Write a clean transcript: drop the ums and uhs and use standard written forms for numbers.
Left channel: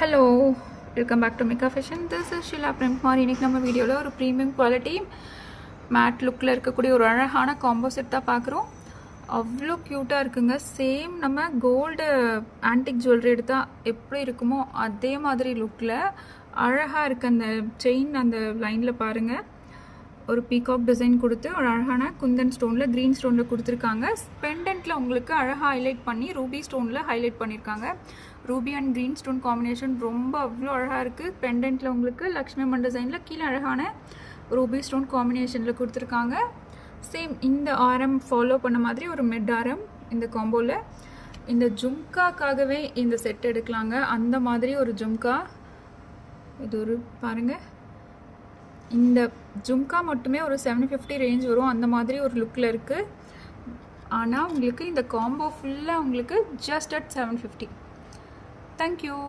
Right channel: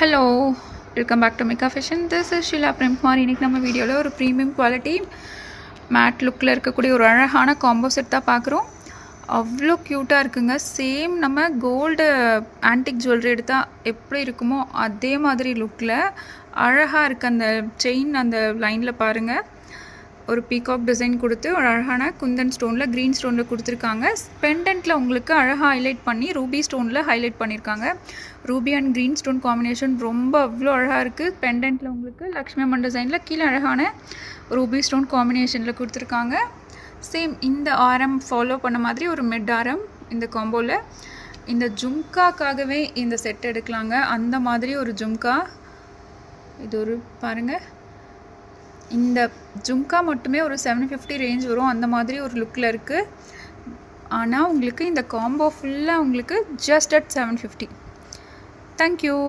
Hello, welcome back to Mika fashion. This is Sheela Premkumar. இன்றைக்கி நம்ம வீடியோவில் ஒரு ப்ரீமியம் குவாலிட்டி மேட் லுக்கில் இருக்கக்கூடிய ஒரு அழகான காம்போ செட் தான் பார்க்குறோம். அவ்வளோ க்யூட்டாக இருக்குங்க. சேம் நம்ம கோல்டு ஆன்டிக் ஜுவல்லரி எடுத்தால் எப்படி இருக்குமோ அதே மாதிரி லுக்கில் அழகாக இருக்குது. அந்த செயின் அந்த லைனில் பாருங்கள், ஒரு பீகாக் டிசைன் கொடுத்து ஒரு அழகான குந்தன் ஸ்டோனில் க்ரீன் ஸ்டோனில் கொடுத்துருக்காங்க. பெண்டன்ட்டில் உங்களுக்கு அழகாக ஹைலைட் பண்ணி ரூபி ஸ்டோனில் ஹைலைட் பண்ணியிருக்காங்க. Ruby and green stone combination ரொம்ப அவ்வளோ அழகாக இருக்குது. பெண்டன்ட்டில் உங்களுக்கு லக்ஷ்மி அம்மன் டிசைனில் கீழே அழகான ரூபி ஸ்டோன் காம்பினேஷனில் கொடுத்துருக்காங்க. சேம் இந்த ஆரம் ஃபாலோ பண்ண மாதிரி ஒரு மிட் ஆரம் இந்த காம்போவில். இந்த ஜும்காக்காகவே இந்த செட் எடுக்கலாங்க. அந்த மாதிரி ஒரு ஜும்கா, இது ஒரு பாருங்கள், இந்த ஜும்கா மட்டுமே ஒரு 750 ரேஞ்ச் வரும். அந்த மாதிரி ஒரு லுக்கில் இருக்குது. ஆனால் உங்களுக்கு இந்த காம்போ ஃபுல்லாக உங்களுக்கு ஜஸ்ட் அட் 750. தேங்க்யூ.